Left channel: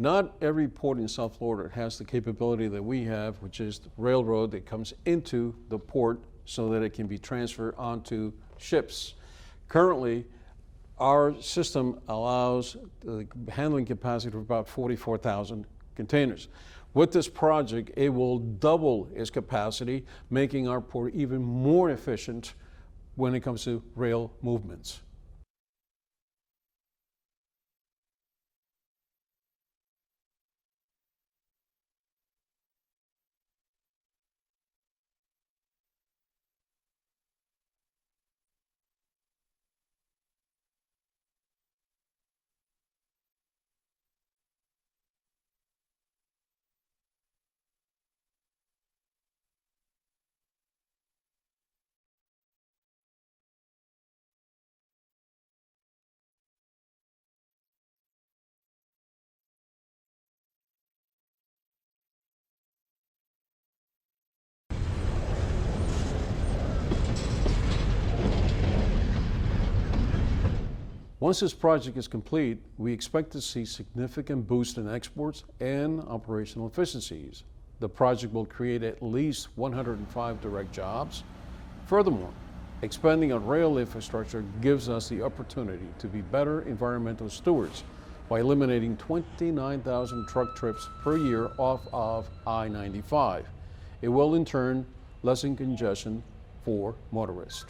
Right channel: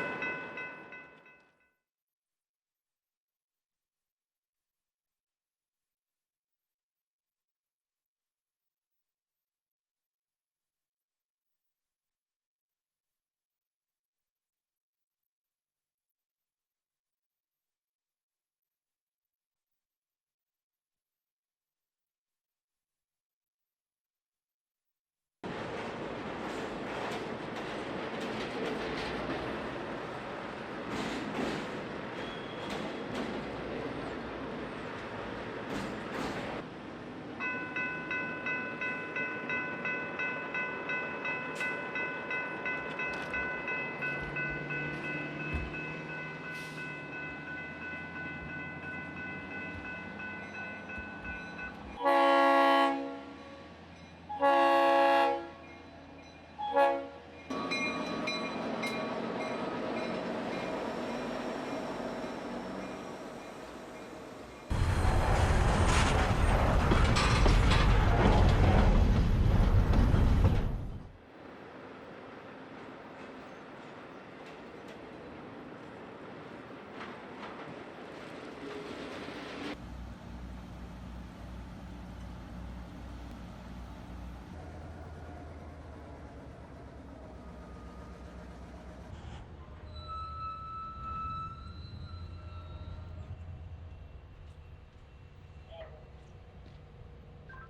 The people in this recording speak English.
Not every port in South Florida has the capability that we have, which is the railroad that comes into the port so that it can be transferred onto ships. Currently, our system allows the handling capacity of about 44,000 containers. With this project, it will double its capacity, making our port even more efficient when it comes to rail movements. Once this project is complete, we expect to see significant boost in exports and operational efficiencies. The project will create at least 105 direct jobs. Furthermore, expanding our rail infrastructure gives us the opportunity to be better environmental stewards by eliminating 29,000 truck trips per year off of I-95. It will in turn lessen congestion for motorists.